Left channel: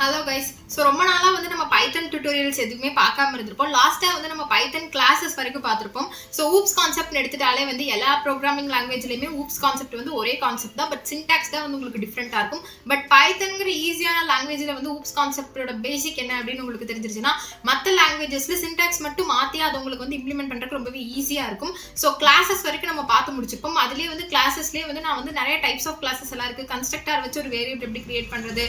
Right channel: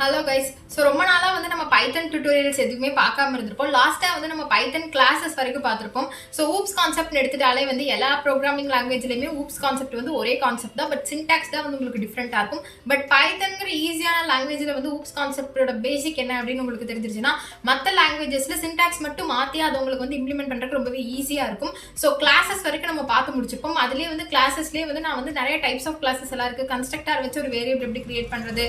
Hello guys. So ரொம்ப நாளாக வந்து நம்ம பைத்தன் டியூட்டோரியல்ஸ் எதுவுமே பார்க்காம இருந்திருப்போம். லாஸ்ட்டாக வந்து நம்ம பைத்தன் கிளாஸஸ் வரைக்கும் பார்த்துருப்போம். ஸோ ஊப்ஸ் கான்செப்ட் எடுத்துட்டாலே வந்து எல்லா ப்ரோக்ராமிங் லாங்குவேஜ்லையுமே ஊப்ஸ் கான்செப்ட் வந்து ஒரே கான்செப்ட் தான். பட் சின்டாக்ஸ் தான் வந்து உங்களுக்கு டிஃப்ரெண்ட்டாக இருக்கும். பட் பைத்தன்கிற ஈஸியான லாங்குவேஜில் வந்து ஊப்ஸ் கான்செப்டோட பேசிக் என்ன அப்படின்னு உங்களுக்கு தெரிஞ்சிருச்சுன்னா மற்ற லாங்குவேஜஸில் சின்டாக்ஸ் மட்டும் மாற்றி அது உங்களுக்கு வந்து இம்ப்ளிமெண்ட் பண்ணுறதுக்கு ரொம்பவே ஈஸியாக இருக்கும். ஸோ கிளாஸஸ் வரைக்கும் நம்ம பார்த்து முடிச்சிருப்போம். அதுலேயே வந்து கிளாஸஸ்லேயே வந்து நான் வந்து நிறைய டைப்ஸ் ஆஃப் கிளாஸஸ் எல்லாம் இருக்குது. கன்ஸ்ட்ரக்டர் வச்சு ஒரு வேரியபிள் எப்படி கிரியேட் பண்ணுறது,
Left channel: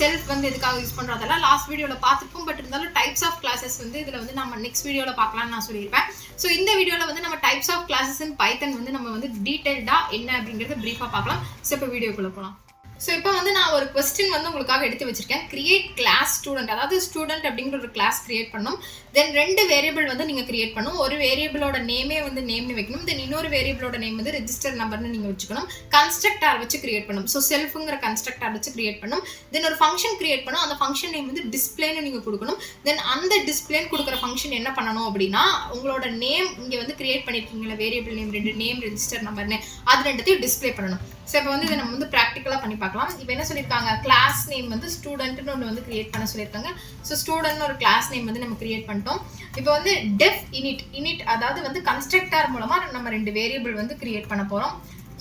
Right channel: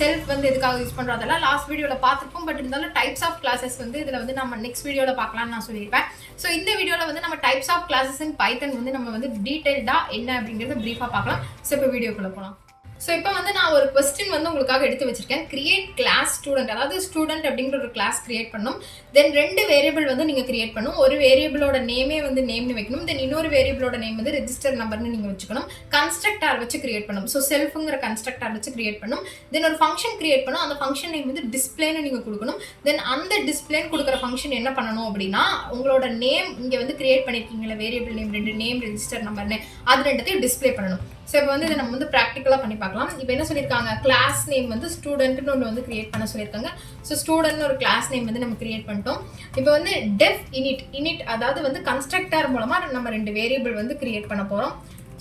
செல்ஃப் வந்து எதுக்காக யூஸ் பண்ணுறோம் அதெல்லாம் லாஸ்ட் வீடியோவில் பார்த்துருப்போம். பட் இருந்தாலும் டைப்ஸ் ஆஃப் கிளாஸஸ் வந்து இதில் வந்து நம்ம நெக்ஸ்ட் வீடியோவில் பார்க்கலாம்னு நான் சொல்லியிருப்பேன். ஸோ இந்த வீடியோவில் வந்து நம்ம டைப்ஸ் ஆஃப் கிளாஸஸ் இன் பைத்தன் வந்து நம்ம வந்து டீட்டெயில்டாக என்ன அப்படிங்கிறத ப்ரீஃபாக பார்க்கலாம். ஸோ இப்போ வீடியோக்குள்ளே போகலாம். ஸோ இப்போ வந்து நான் ஒரு கொஸ்டின் வந்து உங்களுக்காக எடுத்து வச்சிருக்கேன். கிரியேட் கிளாஸ் ஸ்டூடெண்ட், அதாவது ஸ்டூடெண்ட் அப்படிங்கிற ஒரு கிளாஸ் கிரியேட் பண்ணணும். தென் 2 வேரியபிள் வந்து நீங்கள் கிரியேட் பண்ணணும். ஒரு வேரியபிளோட நேமே வந்து நேம்னு வைக்கணும். தென் இன்னொரு வேரியபிளோட நேம் வந்து ரெஜிஸ்டர் நம்பர்னு நீங்கள் வச்சுக்கணும். கன்ஸ்ட்ரக்டார் வச்சு கிரியேட் பண்ணணும். ஸோ செல்ஃபுங்கிற கன்ஸ்ட்ரக்டார் வச்சு கிரியேட் பண்ணணும். தென் ஒரு ஃபங்க்ஷன் கிரியேட் பண்ணணும். அந்த ஃபங்க்ஷன் நேம் வந்து டிஸ்பிளேன்னு நீங்கள் கொடுக்கணும். தென் அந்த டிஸ்பிளேன்னு கொடுக்குற ஃபங்க்ஷன் என்ன பண்ணணும் அப்படின்னா உங்களோட நேம் இங்கே வந்து கிரியேட் பண்ணியிருக்கீங்களா வேரியபிள் நேம் 2 நேம் ரெஜிஸ்டர் நம்பர்னு அது 2த்தையும் டிஸ்பிளே பண்ணணும். ஸோ இப்போ வந்து இதை நம்ம வந்து ப்ராக்டிக்கலாக பண்ணி பார்க்கலாம். இப்போ என்ன சொல்லியிருக்காங்க, கிளாஸ் நேம் வந்து ஸ்டூடெண்ட்னு ஒன்று வந்து கிரியேட் பண்ண சொல்லியிருக்காங்க. ஸோ ஸ்டூடெண்ட்னு ஒரு கிளாஸ் நேம் வந்து நம்ம கிரியேட் பண்ணிட்டோம். இப்போ வந்து டெஃப் இனிட் அதாவது வந்து கன்ஸ்ட்ரக்டர் மூலமாக நம்ம 2 வேரியபிள் வந்து கிரியேட் பண்ண போகிறோம்.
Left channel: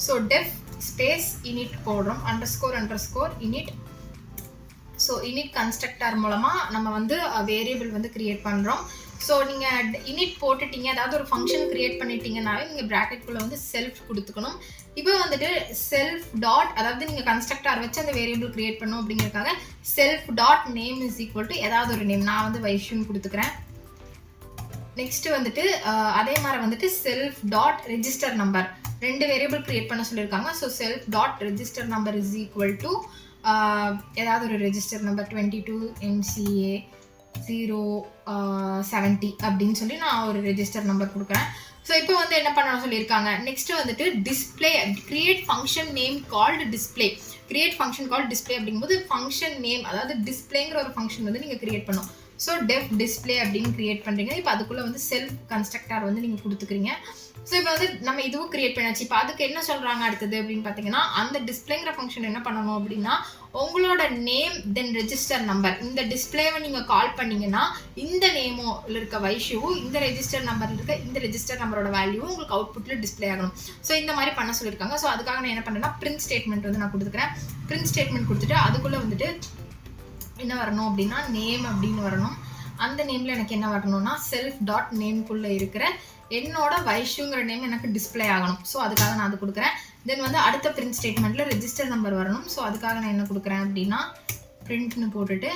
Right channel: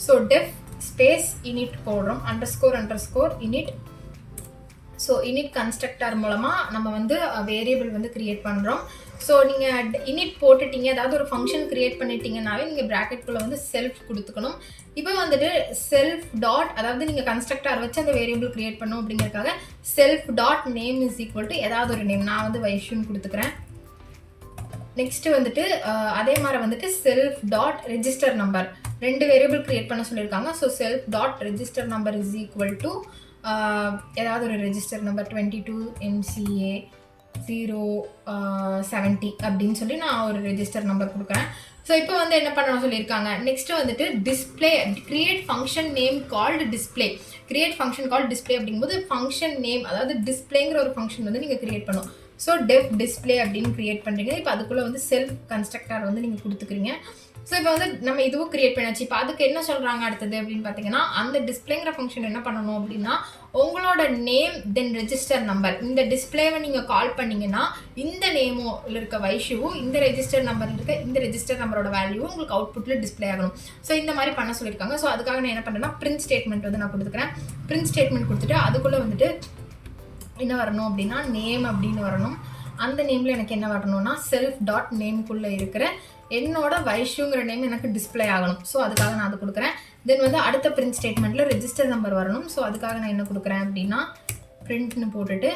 ஸோ டெஃப் ஸ்பேஸ் இனிட் போடுறோம், underscore init. So init constructor மூலமாக நம்ம வந்து வேரியபிள் வந்து கிரியேட் பண்ணுறோம். ஸோ நீங்கள் இனிட் போட்டுட்டீங்க, அதாவது ஒரு ஃபங்க்ஷன் கிரியேட் பண்ணிட்டீங்கனாலே நீங்கள் ப்ராக்கெட்குள்ளே வந்து செல்ஃப் கொடுத்துக்கணும். இப்போ வந்துட்டு செல்ஃப் டாட், அதாவது நீங்கள் கன்ஸ்ட்ரக்டர் வச்சு அந்த வேரியபிள் கிரியேட் பண்ணணும் அப்படிங்கிறதுக்காக self dot name is equal to ஏதாவது ஒரு நேம், நான் வந்து வைஷ்யூன்னு கொடுத்துக்கிறேன். நெக்ஸ்ட்டு வந்துட்டு அதே மாதிரி வந்துட்டு self dot register number 2 variable create பண்ண சொல்லியிருக்காங்க. So self dot register number is equal to ஏதாவது ஒரு ரெஜிஸ்டர் நம்பர் 22 MCA 070 அப்படின்னு சொல்லி நான் ஒரு ரெஜிஸ்டர் நம்பர் கொடுக்குறேன். ஸோ இப்போ வந்து என்ன பண்ணணும் சொல்லியிருக்காங்க. நெக்ஸ்ட் வந்துட்டு display create function name called display. Create function called display அப்படிங்கும்போது ஃபங்க்ஷன் நேம் அதாவது டிஸ்பிளேங்கிற ஒரு ஃபங்க்ஷன் வந்து நீங்கள் கிரியேட் பண்ணணும். ஸோ டெஃப் டிஸ்பிளே அப்படின்னு கிரியேட் பண்ணுறீங்க. இப்போ அதுக்குள்ளே வந்து செல்ஃப் கன்ஸ்ட்ரக்டர் வந்து நீங்கள் கொடுத்துக்கிறீங்க. ஸோ இப்போ வந்து நம்ம இதுவும் கிரியேட் பண்ணாச்சு. இப்போ அதுக்கு என்ன சொல்கிறாங்க அடுத்தது அப்படின்னு பார்த்தீங்கன்னா அந்த டிஸ்பிளேங்கிற ஃபங்க்ஷன் என்ன பண்ணணும் அப்படின்னா உங்களோட நேம் தென் ரெஜிஸ்டர் நம்பர், இந்த டிஸ்பிளேவை நீங்கள் கால் பண்ணிங்கன்னா இந்த நேமில் இருக்க வைஷ்யூவும் இந்த ரெஜிஸ்டர் நம்பர் இருக்க இந்த ரெஜிஸ்டர் நம்பரோட வேல்யூவும் உங்களுக்கு அவுட்புட்டில் டிஸ்பிளே ஆகணும். ஸோ இந்த மாதிரி பண்ண சொல்லியிருக்காங்க. ஸோ அதுக்காக நான் என்ன பண்ணுறேன்னா பிரிண்ட் ஸ்டேட்மெண்ட் வந்து நான் கொடுத்துக்கிறேன். பிரிண்ட் ஸ்டேட்மெண்ட் கொடுத்துட்டு அதுக்குள்ளே வந்துட்டு என்ன வரணும் அப்படின்னா நேம் அப்படின்னு வரணும். அந்த நேமில் எனக்கு என்ன வரணும்னா செல்ஃப் டாட் நேம்குள்ளே இருக்கிற என்னோட வைஷ்யூங்கிற நேம் எனக்கு டிஸ்பிளே ஆகணும். ஸோ அதுக்காக நான் அது கொடுக்குறேன். தென் வந்து அடுத்த பிரிண்ட் ஸ்டேட்மெண்ட்டில் ரெஜிஸ்டர் நம்பர் வரணும். ஸோ அதுக்காக நான் என்ன கொடுக்குறேன் அப்படின்னா பிரிண்ட்னு போட்டுட்டு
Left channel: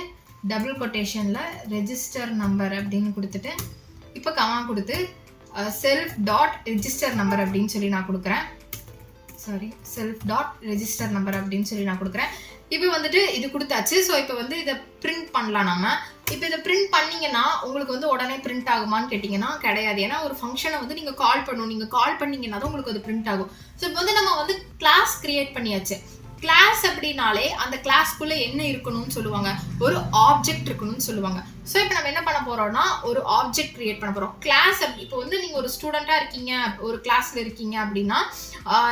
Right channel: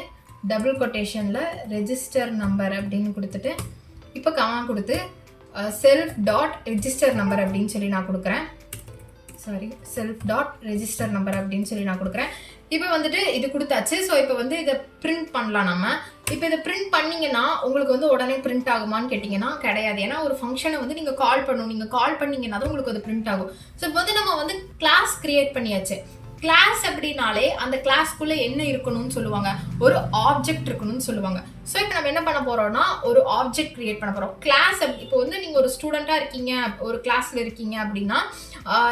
டபுள் கொட்டேஷனில் ரெஜிஸ்டர் நம்பர் அப்படின்னு கொடுத்துட்டு இப்போ கமா கொடுத்து செல்ஃப் டாட் ரெஜிஸ்டர் நம்பர் அப்படின்னு சொல்லி நான் கொடுக்குறேன். செல்ஃப் டாட் ரெஜிஸ்டர் நம்பர் அப்படின்னு சொல்லி நான் கொடுக்குறேன். இப்போ வந்துட்டு இது கொடுத்தாச்சு. ஸோ இப்போ வந்து இதை பிரிண்ட் பண்ணலாம் நம்ம. இப்போ இதை பிரிண்ட் பண்ணிங்கன்னா உங்களுக்கு வந்து உடனே பிரிண்ட் ஆகுமான்னு கேட்டிங்கன்னா கிடையாது. ஏன்னா ஒரு ஃபங்க்ஷனை வந்து நீங்கள் கால் பண்ணணும். நீங்கள் கால் பண்ணிங்கன்னா தான் உங்களுக்கு அது பிரிண்ட் ஆகும். ஸோ இப்போ வந்து நம்ம வந்து கிளாஸ் கிரியேட் பண்ணியாச்சு. கிளாஸ் அப்படின்னாலே அந்த கிளாஸ்க்குள்ளே என்ன இருக்கணும்னு சொல்லுவாங்க, ஒரு ஆப்ஜெக்ட் இருக்கணும்னு சொல்லுவாங்க. ஸோ இப்போ நம்ம என்ன பண்ண போகிறோம்னா ஒரு ஆப்ஜெக்ட் கிரியேட் பண்ண போகிறோம். கிளாஸ் இப்போ வந்து நீங்கள் ஒரு ஸ்டூடெண்ட்டாக இருக்கீங்க, ஒரு கிளாஸில் இருக்கீங்க அப்படின்னா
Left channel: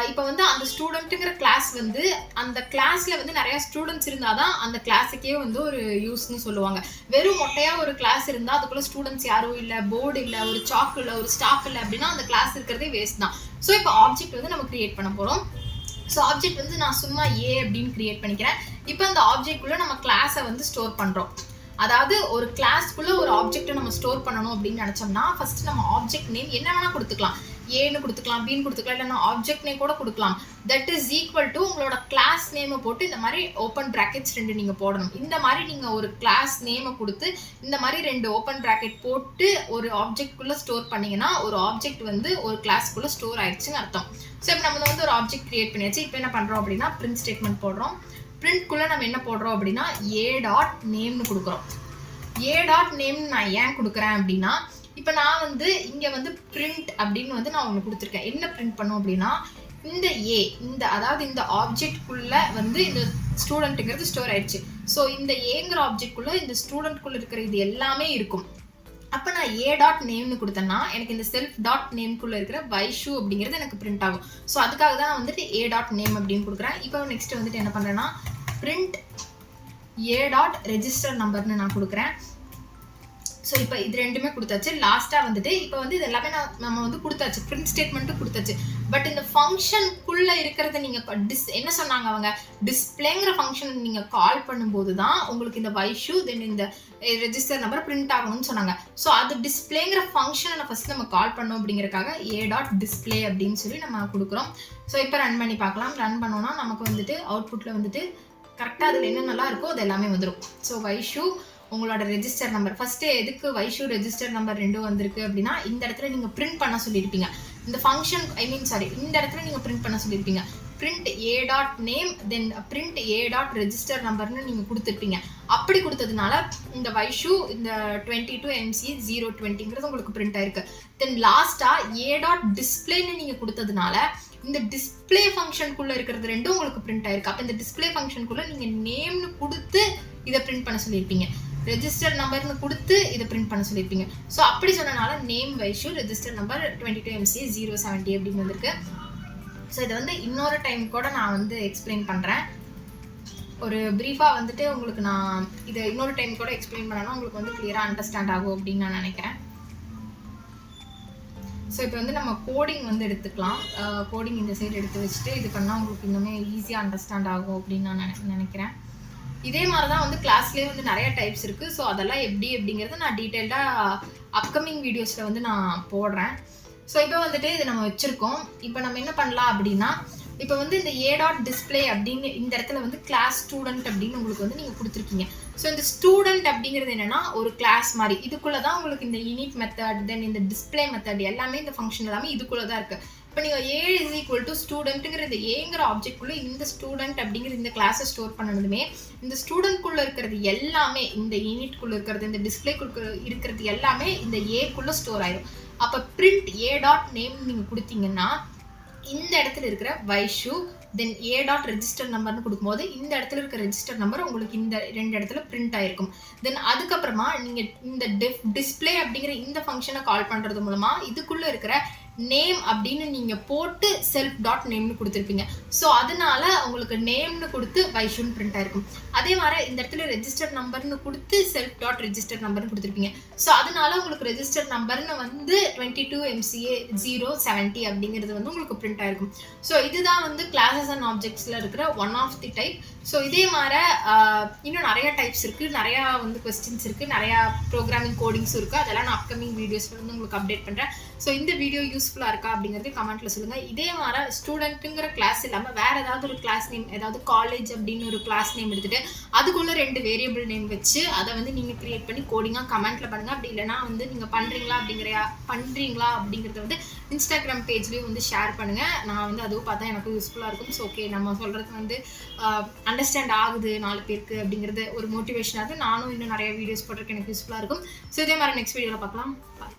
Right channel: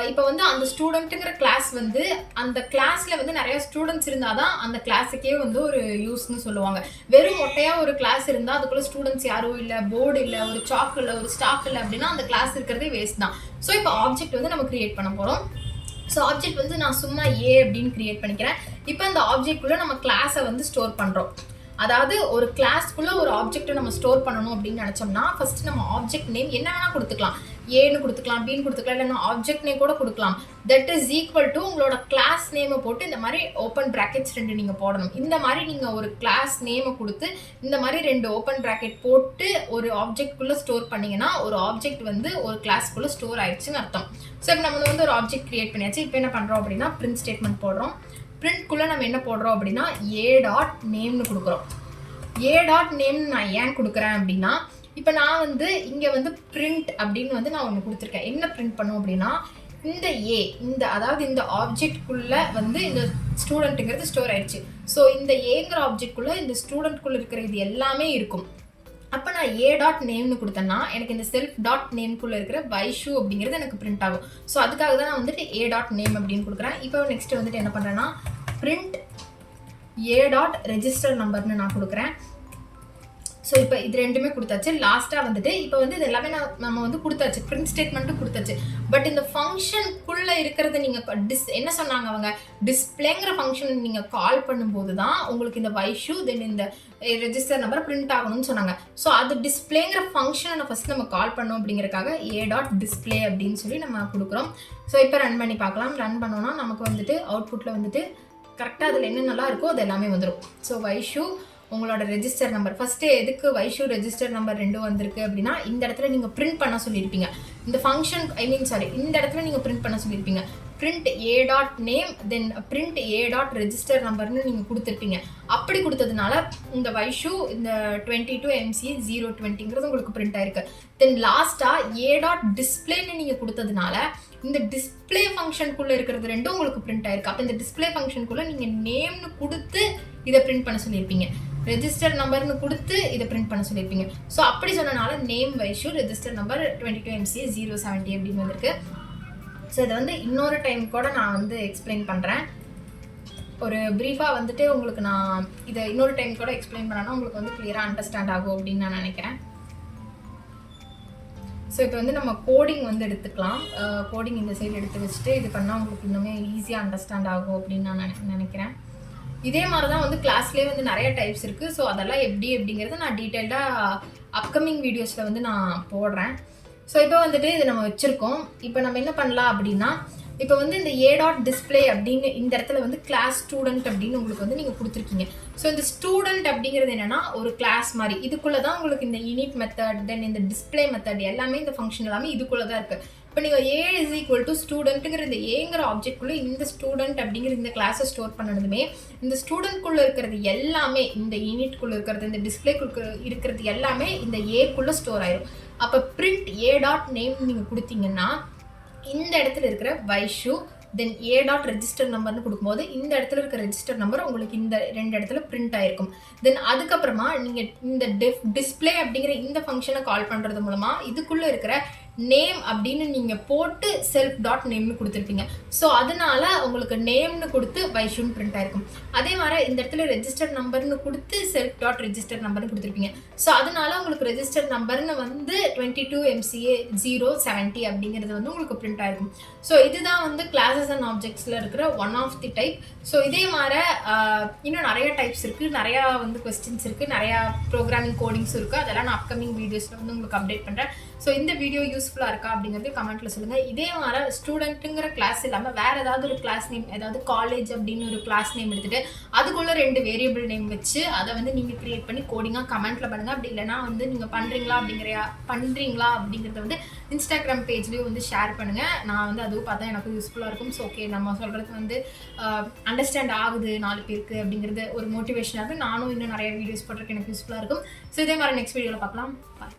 இப்போ வந்து அந்த ஸ்டூடெண்ட்டுங்கிற கிளாஸ் வந்து அந்த கிளாஸில் வந்து நிறையா ஸ்டூடெண்ட்ஸ் இருந்தால் தான் அந்த கிளாஸுக்கே வந்து ஒரு யூஸ்ன்னு சொல்லுவாங்க. வெறும் மொட்டையாக ஒரு கிளாஸ் இருந்தால் அதுக்குள்ளே ஸ்டூடெண்ட்ஸ் யாரும் இல்லை, போர்டு இல்லை, ஒரு சாக் இல்லை, ஒரு ஸ்டாஃப் இல்லை அப்படின்னா அந்த கிளாஸ் இருக்கிறதே வேஸ்ட் தான். ஸோ இப்போ ஆப்ஜெக்ட் வந்து நம்ம கிரியேட் பண்ண போகிறோம். ஸோ ஆப்ஜெக்ட் வந்து நான் சும்மா ஏ அப்படின்னு கிரியேட் பண்ணிக்கிறேன். இப்போ அந்த ஆப்ஜெக்ட்குள்ளே நம்ம கிளாஸை வந்து ஸ்டோர் பண்ணுறோம். அதாவது ஒரு கிளாஸ்க்குள்ளே ஒரு ஆப்ஜெக்ட்டை நம்ம ஸ்டோர் பண்ணணும் அப்படின்னு நினச்சோம்னா ஃபஸ்ட்டு நம்ம ஆப்ஜெக்ட் நேம் என்ன வேணால் கொடுத்துக்கலாம். ஏன்னு கொடுத்துக்கலாம், பின்னு கொடுத்துக்கலாம், இல்லைன்னா ஆப்ஜெக்ட் நேம் கூட கொடுக்கலாம். தட் இஸ் ஈக்குவல் டு உங்களோட கிளாஸ் நேமை போட்டு இந்த மாதிரி ஓப்பன் ப்ராக்கெட்ஸ் 2 நீங்கள் போடணும். இந்த மாதிரி நீங்கள் ஒரு கிளாஸ் நேமை கொடுத்து இந்த மாதிரி 2 ஓப்பன் ப்ராக்கெட் போட்டு ஒரு ஆப்ஜெக்ட்குள்ளே ஸ்டோர் பண்ணிங்கன்னா ஒரு ஆப்ஜெக்ட் வந்து ஒரு கிளாஸ்க்குள்ளே ஸ்டோர் ஆயிடுச்சுன்னு அர்த்தம். ஸோ இப்போ நம்ம வந்து ஒரு ஆப்ஜெக்ட் கிரியேட் பண்ணியாச்சு. இப்போ என்ன பண்ணுறோம் அப்படின்னா பிரிண்ட் ஸ்டேட்மெண்ட் போடுறோம். பிரிண்ட்குள்ளே நம்ம என்ன போடுறோம் அப்படின்னா ஏ டாட் நேம்னு கொடுக்குறோம். ஏ டாட் நேம்னு நான் ஏன் கொடுக்குறேன் அப்படின்னா இப்போ நான் வந்து இங்கே வந்து பிரிண்ட் அப்படின்னு வந்து நான் ஒன்று கொடுத்துருக்கேன். என்ன பிரிண்ட் பண்ணும் அப்படின்னா இந்த ஏ அதாவது இந்த ஆப்ஜெக்ட்குள்ளே வந்து இந்த ஸ்டூடெண்ட்டுங்கிறது ஸ்டோர் ஆயிடுச்சு. ஸோ இந்த ஏங்கிற ஆப்ஜெக்ட்குள்ளே இந்த ஸ்டூடெண்ட்குள்ளே இருக்கிற இது எல்லாமே இருக்கும். அப்போ நான் ஏ டாட் நேம்னு கொடுத்தேன்னா எனக்கு இந்த செல்ஃப் டாட் நேம்குள்ளே இருக்கிற வைஷ்யூ அப்படிங்கிறது எனக்கு பிரிண்ட் ஆகும். ஸோ அதுக்காக தான் நான் வந்துட்டு ஏ டாட் நேம் அப்படின்னு கொடுக்குறேன். இப்போ நெக்ஸ்ட் வந்துட்டு என்ன பண்ணுறேன்னா பிரிண்ட் a.register நம்பர்னு நான் கொடுக்குறேன். ஸோ இப்போ இது ரெண்டுமே கொடுத்தாச்சு. லாஸ்ட்டாக வந்துட்டு இப்போ வந்து இது எல்லாமே நம்ம வந்து கொடுத்தாச்சு, பிரிண்ட் ஸ்டேட்மெண்ட்டும் கொடுத்தாச்சு. பட் இந்த ஃபங்க்ஷனுக்குள்ளே இருக்கிறத நீங்கள் என்ன சொன்னாங்க அவங்க, டிஸ்பிளேங்கிற ஃபங்க்ஷன் நீங்கள் கால் பண்ணும்போது தான் உங்களுக்கு இந்த வைஷு தென் இந்த ரெஜிஸ்டர் நம்பர் பிரிண்ட் ஆகணும்னு சொன்னாங்க. ஸோ அது டிஸ்பிளேங்கிற ஃபங்க்ஷனை ஃபஸ்ட் நம்ம கால் பண்ணோம் அப்படிங்கிறக்காக a.display அப்படின்னு சொல்லி நம்ம கொடுக்குறோம். ஸோ இப்போ ரன் பண்ணி பார்க்கலாம். ரன் பண்ணோன்னா நமக்கு வந்துட்டு அவுட்புட்டில் வந்துட்டு கரெக்டாக அதில் என்னென்னலாம் இருக்கோ அது எல்லாமே வந்துடும். ஸோ வைஷு உங்களோட ரெஜிஸ்டர் நம்பர் ஃபஸ்ட்டு எதுக்கு வைஷு ரெஜிஸ்டர் நம்பர் 2 வந்திருக்கு அப்படின்னா, இந்த இடத்துல நீங்கள் பிரிண்ட் பண்ண சொல்லியிருப்பீங்க. இந்த ஃபங்க்ஷன் இந்த இடத்துல நீங்கள் பிரிண்ட் பண்ண சொல்லியிருப்பீங்க. print a.name தென் print a.register நம்பர்னு நீங்கள் கொடுத்துருப்பீங்க. அப்படி கொடுத்ததுனால இந்த வைஷு இந்த 22MC020ங்கிறது உங்களுக்கு பிரிண்ட் ஆயிருக்கு. தென் லாஸ்ட்டாக a.displayன்னு நீங்கள் கொடுத்ததுனால இந்த டிஸ்பிளே ஃபங்க்ஷனுக்குள்ளே இருக்கிறது ரெண்டும் உங்களுக்கு பிரிண்ட் ஆயிருக்கு. அப்போ இந்த டிஸ்பிளே ஃபங்க்ஷனுக்குள்ளே நீங்கள் நேம்னு கொடுத்து இதை பிரிண்ட் பண்ண சொல்லியிருப்பீங்க. ரெஜிஸ்டர் நம்பர்னு கொடுத்து இதை பிரிண்ட் பண்ண சொல்லியிருப்பீங்க. ஸோ அப்படி சொன்னனால name Vaishu register number 22MC070 அப்படின்னு வந்திருக்கு. ஸோ இதை வந்து இன்னொரு டைம் கூட நான் வந்து எக்ஸ்பிளைன் பண்ணுறேன். ஒரு ப்ரீஃபாக வந்துட்டு உங்களுக்கு நான் இதை இன்னொரு டைம் கூட எக்ஸ்பிளைன் பண்ணேன்னா உங்களுக்கு வந்து கிளியராக அண்டர்ஸ்டாண்ட் ஆகும் அப்படின்னு நான் நினைக்கிறேன். ஸோ இப்போ வந்து நம்ம கோடிங் வந்து எடுத்துக்கலாம். கோடிங் இந்த சைடு எடுத்து வச்சுட்டு இது பண்ணால் உங்களுக்கு இன்னுமே ஈஸியாக அண்டர்ஸ்டாண்ட் ஆகும் அப்படின்னு நான் நினைக்கிறேன். இதே மாதிரி தான் வந்து கிளாஸ்லேயே வந்து நிறைய டைப்ஸ் இருக்குது. ஸோ அதெல்லாம் எப்படி அப்படிங்கிறத நான் டீட்டெயில்டாக அப்கமிங் வீடியோஸில் வந்து நான் போடுறேன். ஸோ இப்போ வந்துட்டு இது நம்ம வச்சுருக்கோம். இப்போ நம்ம என்ன பண்ணலாம் அப்படின்னா, இப்போ வந்து இந்த a.display அப்படின்னு இந்த இடத்துல வந்து கிளாஸ் ஸ்டூடெண்ட் அப்படின்னு உங்களுக்கு வந்து நீங்கள் கொடுத்துருக்கீங்க. ஸோ இந்த ஸ்டூடெண்ட் அப்படிங்கிறது என்னென்னா ஒரு கிளாஸ் மாதிரி. இதுக்குள்ளே தான் உங்களுக்கு இந்த init மெத்தட் தென் இந்த டிஸ்பிளே மெத்தட் எல்லாமே இந்த ஃபங்க்ஷன் எல்லாமே இதுக்குள்ளே தான் இருக்குது. இப்போ நீங்கள் a ஸ்டூடெண்ட்டுங்கிற இந்த ஏங்கிற ஆப்ஜெக்ட்குள்ளே இந்த ஸ்டூடெண்ட் அப்படிங்கிற இந்த கிளாஸை ஸ்டோர் பண்ணதுமே இந்த ஸ்டூடெண்ட்குள்ளே இருக்கிறது எல்லாமே இந்த யூனிட்குள்ளே இருக்கிறது இந்த டிஸ்பிளேக்குள்ள இருக்கிறது எல்லாமே இந்த ஏக்குள்ளே ஸ்டோர் ஆயிடும். அப்போ print a.name நீங்கள் கொடுத்தீங்கன்னா இந்த இடத்துல இருக்கிற வைஷு தென் a.register நம்பர்னு கொடுக்கும்போது இந்த இடத்துல இருக்கிற ரெஜிஸ்டர் நம்பர் உங்களுக்கு இந்த 2 இடத்துல பிரிண்ட் ஆயிருக்கும். தென் அதுக்கப்புறமா நீங்கள் இந்த டிஸ்பிளே அப்படிங்கிற இந்த ஃபங்க்ஷனை கால் பண்ணுறது மூலமாக இதுக்குள்ளே இருக்கிற நேம் அப்படின்னு நீங்கள் போட்டு self.nameனு கொடுத்துருப்பீங்க. ஸோ அதனால உங்களுக்கு நேம்னு கொடுத்து வைஷுன்னு பிரிண்ட் ஆயிருக்கும். அதே மாதிரி இந்த இடத்துல ரெஜிஸ்டர் நம்பர்னு கொடுத்து self.register நம்பர்னு கொடுத்துருப்பீங்க. ஸோ அதனால உங்களுக்கு ரெஜிஸ்டர் நம்பர்னு வந்து 22MC070 அப்படிங்கிறது வந்து உங்களுக்கு பிரிண்ட் ஆயிருக்கும். ஸோ இதுதான் வந்து கிளாஸஸ் அண்ட் ஆப்ஜெக்ட்ஸில் இருக்கிற one of the type. So இதே மாதிரி இன்னும் நிறைய டைப்ஸ் இருக்குது, நிறையா வந்து கொஸ்டின்ஸ் இருக்குது, நிறையா ப்ரோக்ராமிங் கோடிங்ஸும் இருக்குது. அதெல்லாம் நான் அப்கமிங் வீடியோஸில் வந்து உங்களுக்கு அப்டேட் பண்ணுறேன். ஸோ இந்த வீடியோ யூஸ்ஃபுல்லாக இருக்கா அப்படிங்கிறது கமெண்ட்டில் சொல்லுங்கள். இதே மாதிரி ஸ்டூடெண்ட்டுங்கிற கிளாஸ் இல்லாமல் வேறு ஏதாவது ஒரு கிளாஸ் நேம், ஏதாவது காலேஜ் அப்படின்னு ஒரு கிளாஸ் நேம் எடுத்துகிட்டு அதுக்குள்ளே 2 வேரியபிள் நேம் வச்சு அதை வந்து நீங்கள் க்ரியேட் பண்ணி கோடிங்காக கமெண்ட்டில் பண்ணுங்கள். அப்படி இல்லைனா வந்து நீங்கள் பண்ணுறீங்களா அப்படிங்கிறத வந்து இன்ஸ்டாகிராம் பேஜ்லேயும் வந்து ஷேர் பண்ணுங்கள். நான் வந்து அதுவும் பார்த்தா எனக்கு யூஸ்ஃபுல்லாக இருக்கும். ஸோ ஓகே, நம்ம சொல்கிறது வந்து அண்டர்ஸ்டாண்ட் ஆகுது 4 பேருக்கு அப்படிங்கிறது ஒரு மோட்டிவேஷனாக நானும் இன்னும் நிறைய வீடியோஸ் போடுறதுக்கு எனக்கு யூஸ்ஃபுல்லாக இருக்கும். ஸோ இதே மாதிரி நெக்ஸ்ட் வீடியோவில் பார்க்கலாம். பாய்.